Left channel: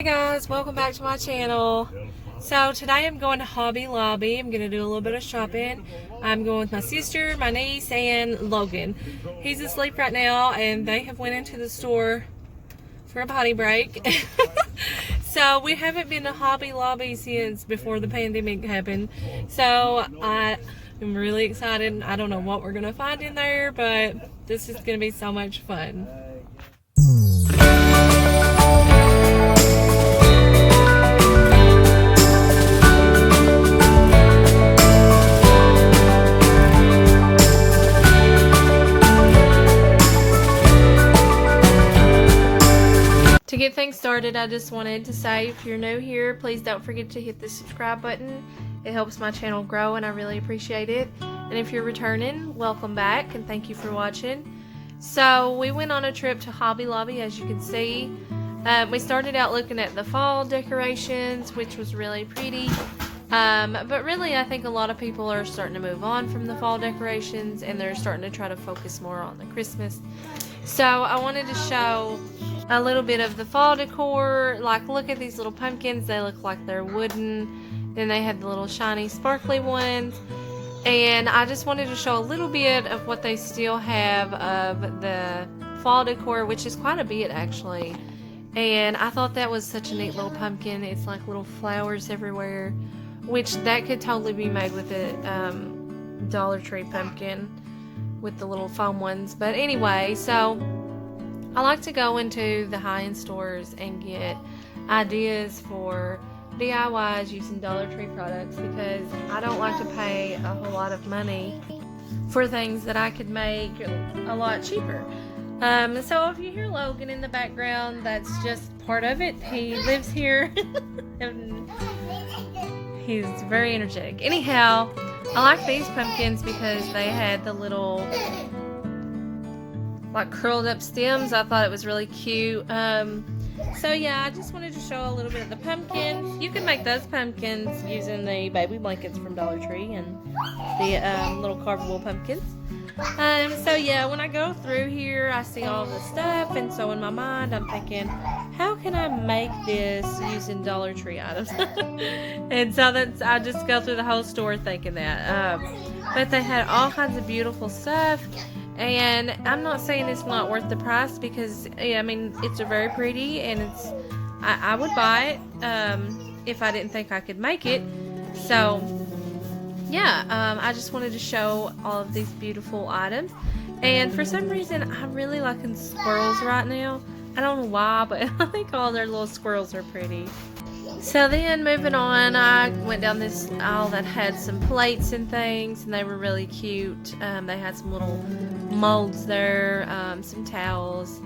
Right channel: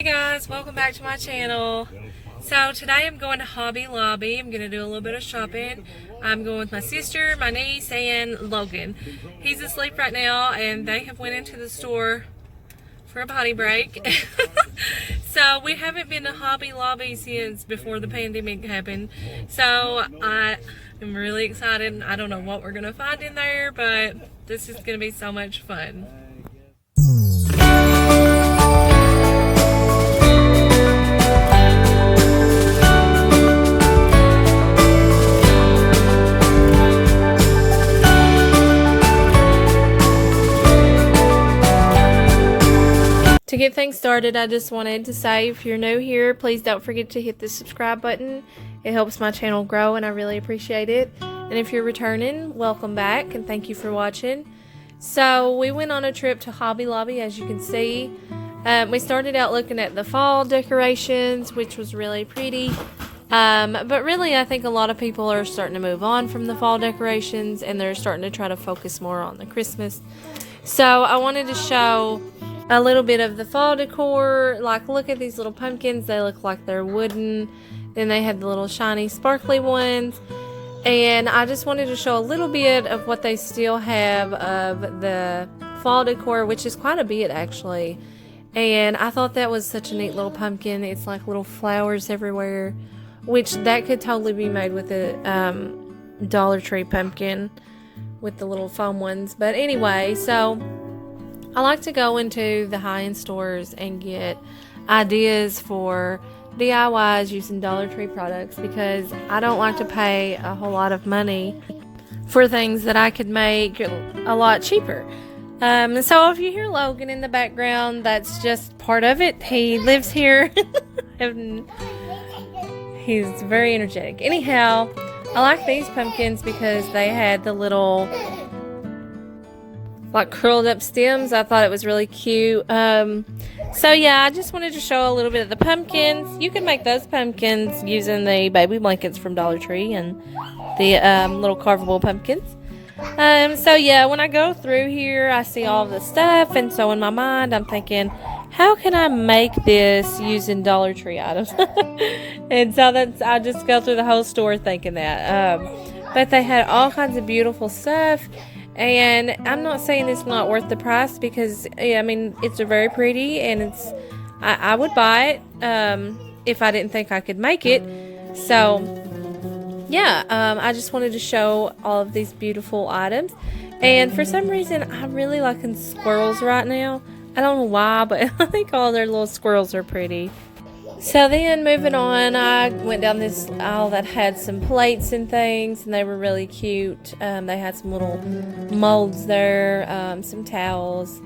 Hey guys, welcome back to my channel. So today I'm going to Hobby Lobby. I'm going to do a little bit of shopping. I'm going with my sister, my niece, and Logan. He's asleep right now and they have went into the store for a potty break. So we haven't been to Hobby Lobby since before the pandemic happened. So I am really excited. I don't know what we're going to find in there, but this is going to be so much fun. To get things started, I just wanted to say if you're new here, please don't forget to hit the subscribe button. It helps my channel grow and I really appreciate it. And if you're returning, welcome back and thank you for watching. So we went on a trip to Hobby Lobby, as you can see. We started out looking at the fall decorations, which was really pretty. But really I think a lot of people are starting to move on from the fall decorations and they're starting to try to focus more on the Christmas. So I wanted to show a little bit of the fall decor. Like, look at these little pumpkins. They look like they're wooden. Then they have the little shiny sparkly ones. And I just wanted to show a little bit of what they still have of the fall decor, which is quite a bit actually. And I thought that was such a neat little pumpkin. It's like little flowers everywhere, which that could totally be made with a Dollar Tree pumpkin with the little foam ones. But anyway, so I like to go into the high-end stores and get ideas for DIYs using Dollar Tree products because I don't like to pay a whole lot of money for things that I could make a lot cheaper. So if you hear Logan in the background, that's just part of it. He lives here. He's very energetic. Anyhow, I like these pumpkins because they had the little like curled up stems. I thought it was really cute. So yeah, I just wanted to show a little bit of the pumpkins. You can make those pumpkins using the baby blankets from Dollar Tree and the little carvable pumpkins. So yeah, when I go through here, I see all the stuff, and so in my mind, I'm thinking, how can I make this using Dollar Tree items? And so I just go through the whole store thinking that. But they had all kinds of beautiful stuff. And I'm not saying it's not worth the price because, I mean, it's very pretty and I would buy it if I didn't think I could make it. So, yeah, I just wanted to show all of these beautiful items. And for some reason, I'm really liking squirrels right now. I don't know why, but I think all their little squirrels are pretty. So then moving on, I went down this aisle that had some plates and things, and they were really cute. They had some little molds there, some towels,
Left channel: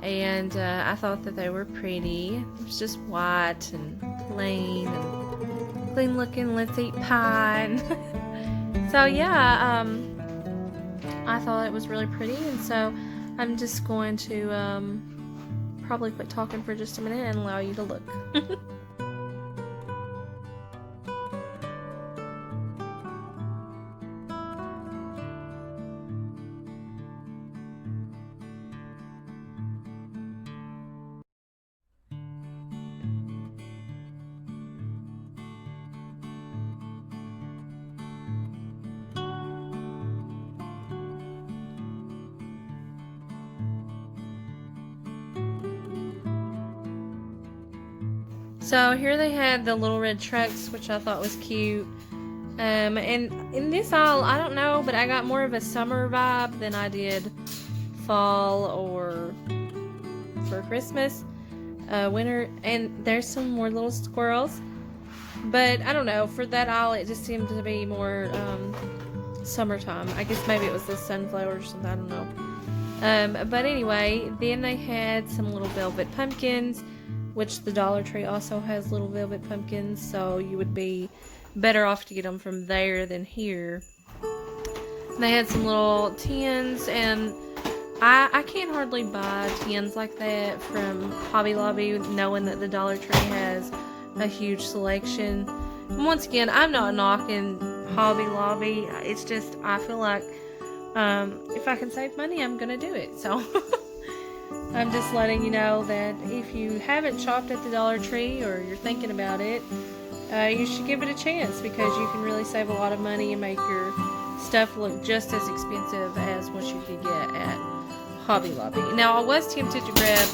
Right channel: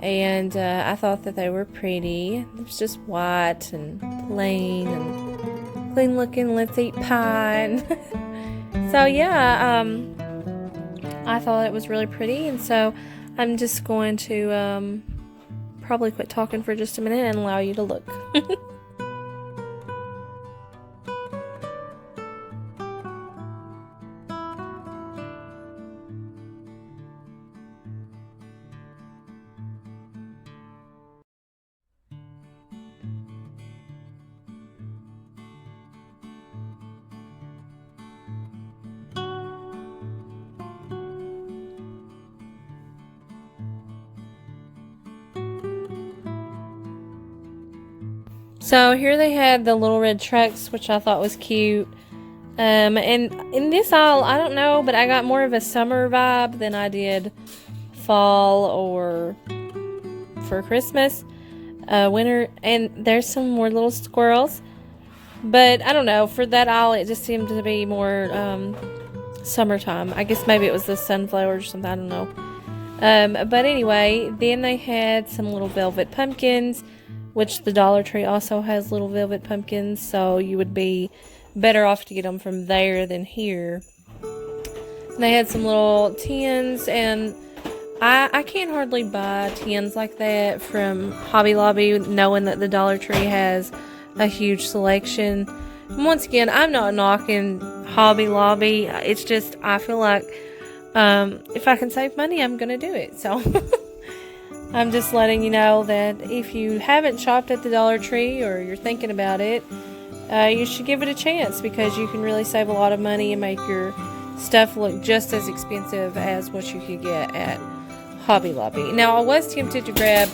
and I thought that they were pretty. It was just white and plain and clean looking. Let's eat pie. So yeah, I thought it was really pretty, and so I'm just going to probably quit talking for just a minute and allow you to look. So here they had the little red trucks, which I thought was cute. And in this aisle, I don't know, but I got more of a summer vibe than I did fall or for Christmas, winter. And there's some more little squirrels. But I don't know, for that aisle, it just seemed to be more summertime. I guess maybe it was the sunflowers or something, I don't know. But anyway, then they had some little velvet pumpkins, which the Dollar Tree also has little velvet pumpkins, so you would be better off to get them from there than here. They had some little tins, and I can't hardly buy tins like that from Hobby Lobby, knowing that the Dollar Tree has a huge selection. And once again, I'm not knocking Hobby Lobby. It's just, I feel like if I can save money, I'm going to do it. So I'm just letting you know that if you haven't shopped at the Dollar Tree or you're thinking about it, you should give it a chance because you can really save a lot of money and make your stuff look just as expensive as what you could get at Hobby Lobby. Now, I was tempted to grab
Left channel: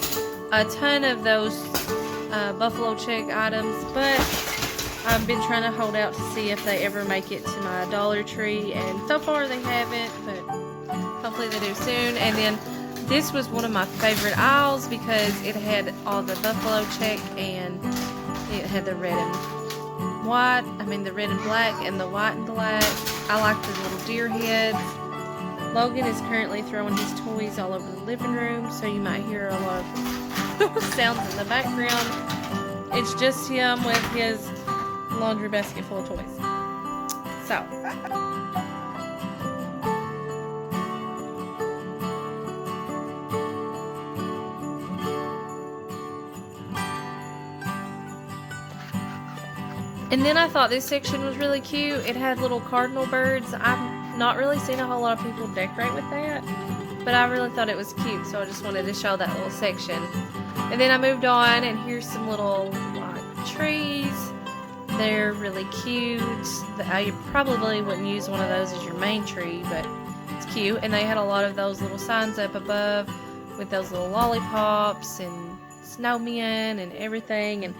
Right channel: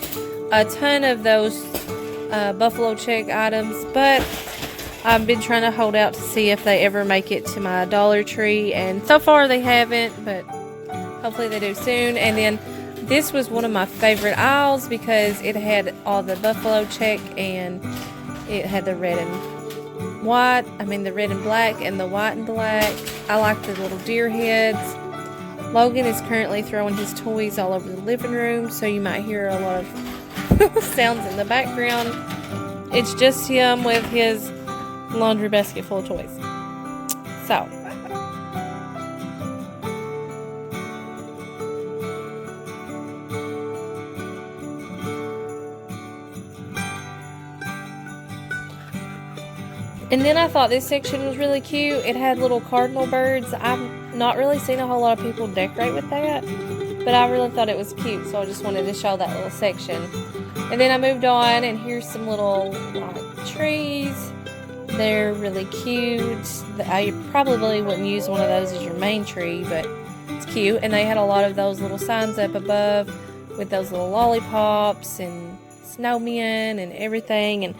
a ton of those buffalo check items, but I've been trying to hold out to see if they ever make it to my Dollar Tree, and so far they haven't, but hopefully they do soon. And then this was one of my favorite aisles because it had all the buffalo check and it had the red and white, the red and black and the white and black. I like the little deer heads. Logan is currently throwing his toys all over the living room, so you might hear a lot of sounds in the background. It's just him with his laundry basket full of toys. So, and then I thought this section was really cute. It had little cardinal birds. I've not really seen a whole lot of people decorate with that, but I really thought it was cute, so I just wanted to show that little section. And then I moved on, and here's some little trees. They're really cute. I probably wouldn't use one of those as your main tree, but it's cute. And they had a lot of those little signs up above with those little lollipops and snowmen and everything, and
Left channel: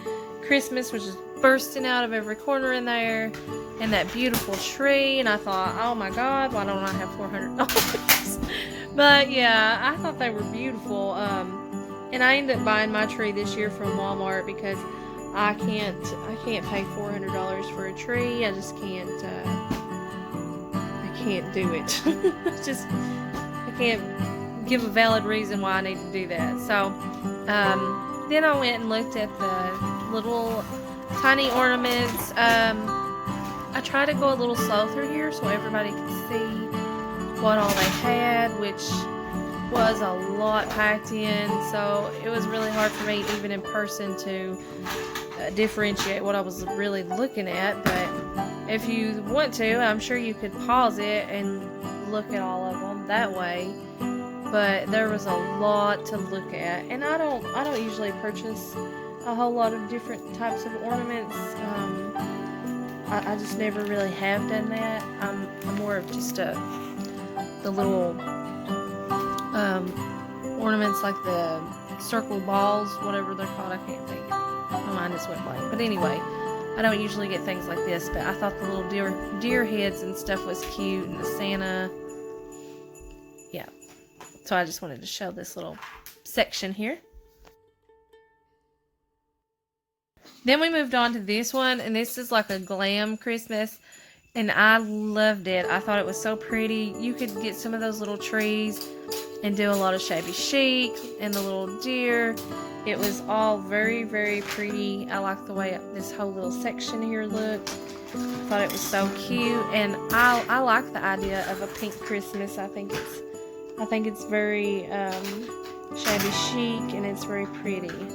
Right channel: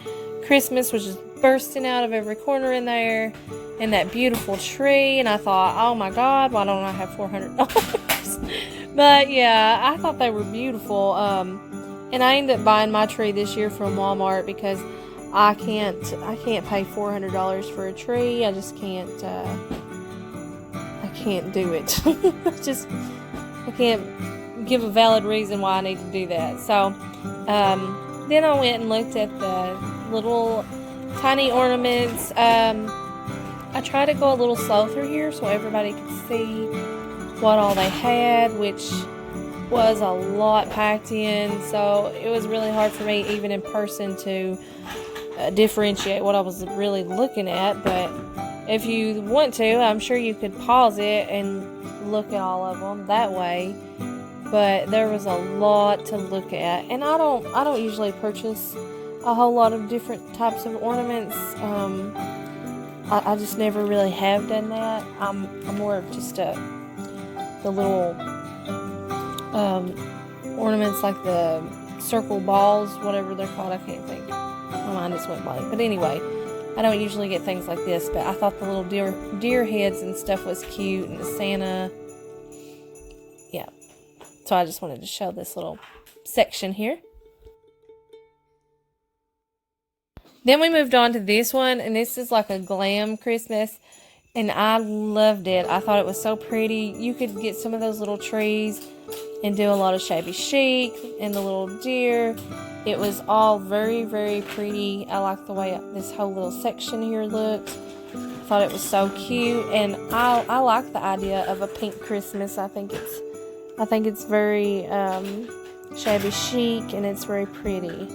Christmas was just bursting out of every corner in there, and that beautiful tree. And I thought, oh my god, why don't I have $400? But yeah, I thought they were beautiful. And I ended up buying my tree this year from Walmart because I can't pay $400 for a tree. I just can't. I can't do it. I can't give a valid reason why I need to do that. So then I went and looked at the little tiny ornaments. I tried to go a little slow through here so everybody could see what all they had, which was a lot packed in, so it was really hard for me even in person to differentiate what I was really looking at. But if you want to, I'm sure you could pause it and look at all of them that way. But there was a lot to look at, and I don't usually purchase a whole lot of different types of ornaments. I just never really have done that. I'm more of just the little ornaments, like the circle balls, whatever they're called. I can't think. My mind just went blank. But anyway, I don't usually get things like this, but I thought the little deer heads and stuff was cute, and the Santa. Yeah. So I just wanted to show this little section here. Then we moved on to this one, and this is like a glam Christmas, and I loved it. I thought it was so pretty. You could get some of those little trees and do a lot of shabby chic and the little deer. It was all very, very pretty. I like the way this whole little section here looked. I thought it was so cute, and I like the idea of a pink Christmas. I think it's very shabby chic, and it's very pretty.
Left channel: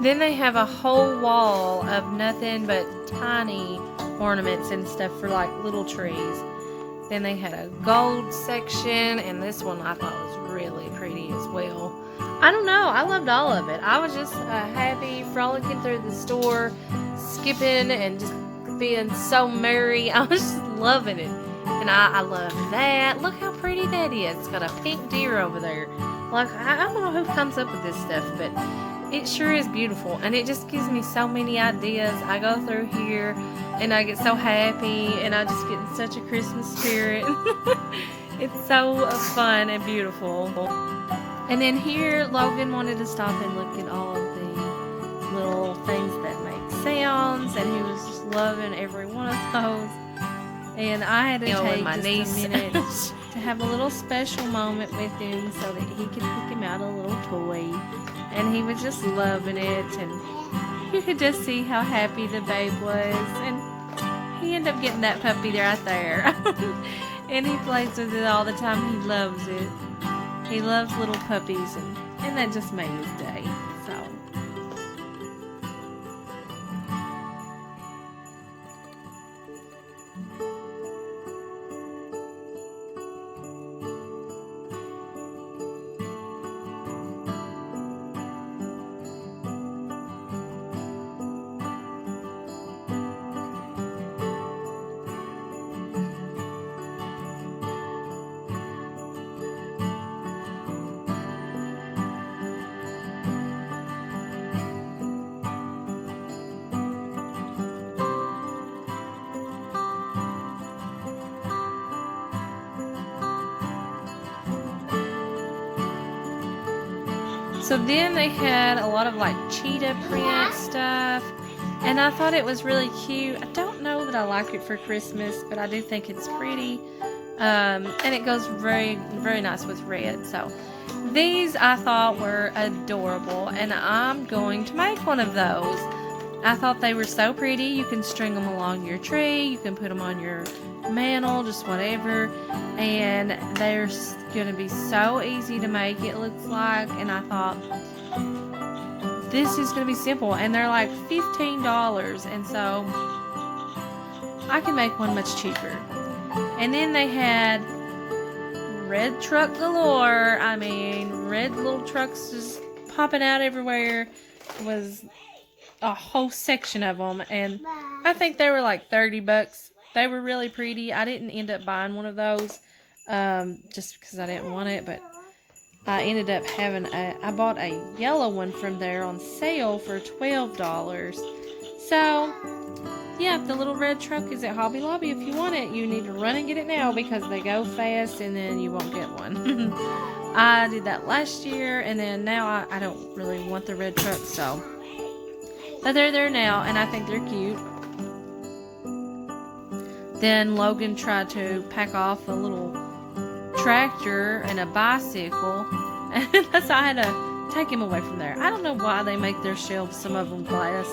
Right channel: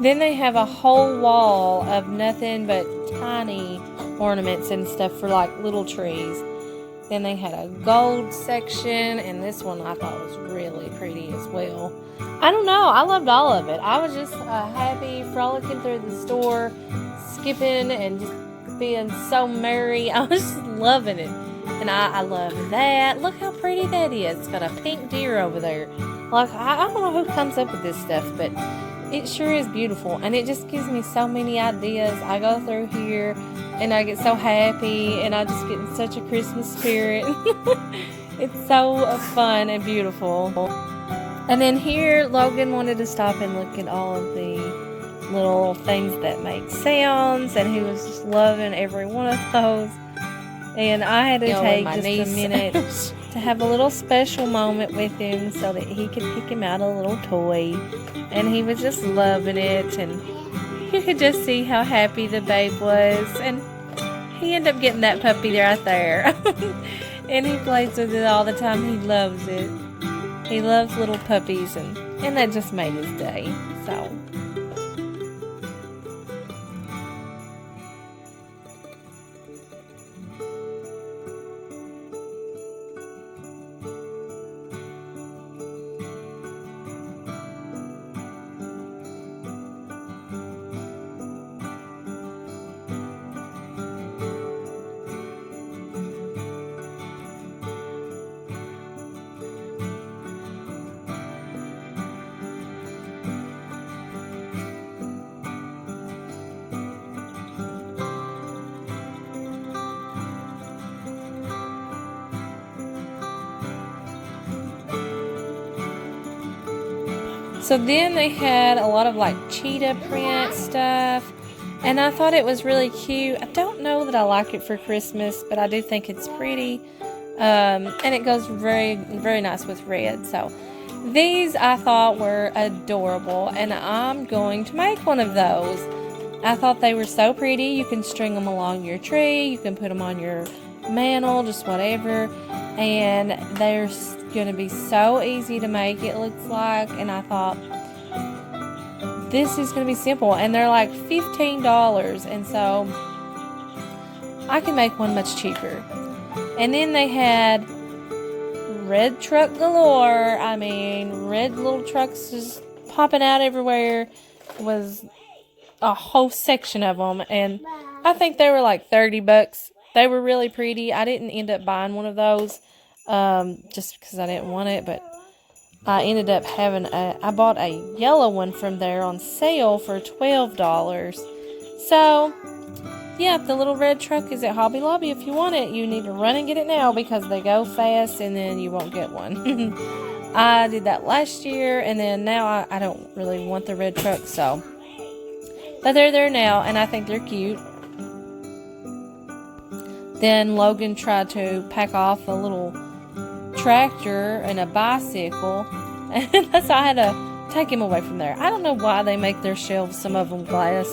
Then they have a whole wall of nothing but tiny ornaments and stuff for like little trees. Then they had a gold section, and this one I thought was really pretty as well. I don't know, I loved all of it. I was just happy, frolicking through the store, skipping and just being so merry. I was just loving it. And I love that. Look how pretty that is. It's got a pink deer over there. Like, I don't know who comes up with this stuff, but it sure is beautiful, and it just gives me so many ideas. I go through here, and I get so happy, and I just get in such a Christmas spirit. It's so fun and beautiful. And then here, Logan wanted to stop and look at all of the little things that make sounds, and he was just loving every one of those. And I had to take just a minute to have a little special moment with him so that he could pick him out a little toy. And he was just loving it, and you could just see how happy the babe was. And he ended up getting that puppy right there. And he plays with it all the time. He loves it. He loves little puppies, and that just made his day. So So then they had a lot of like cheetah print stuff, and I thought it was really cute. I don't know that I like it for Christmas, but I do think it's pretty, and it goes very, very nice with red. So these I thought were adorable, and I'm going to make one of those. I thought they were so pretty. You can string them along your tree, you can put them on your mantle, just whatever, and they're going to be so easy to make, it looks like. And I thought, this is going to be simple, and they're like $15, and so I can make one much cheaper. And then they had red truck galore. I mean, red little trucks just popping out everywhere. It was a whole section of them, and I think they were like $30. They were really pretty. I didn't end up buying one of those just because I didn't want it, but I ended up having I bought a yellow one from there on sale for $12. So yeah, the little red truck is at Hobby Lobby. If you want it, you need to run and get it now because they go fast and then you won't get one. I did that last year, and then now I don't really want the red truck, so. But they're there now, and I think they're cute. Then Logan tried to pack off a little tractor and a bicycle, and so I had to take him away from there. I don't know why they make their shelves, some of them glass.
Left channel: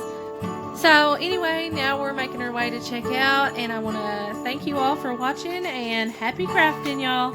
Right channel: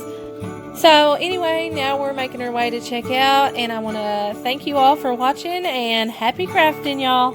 So anyway, now we're making our way to check out, and I want to thank you all for watching, and happy crafting, y'all.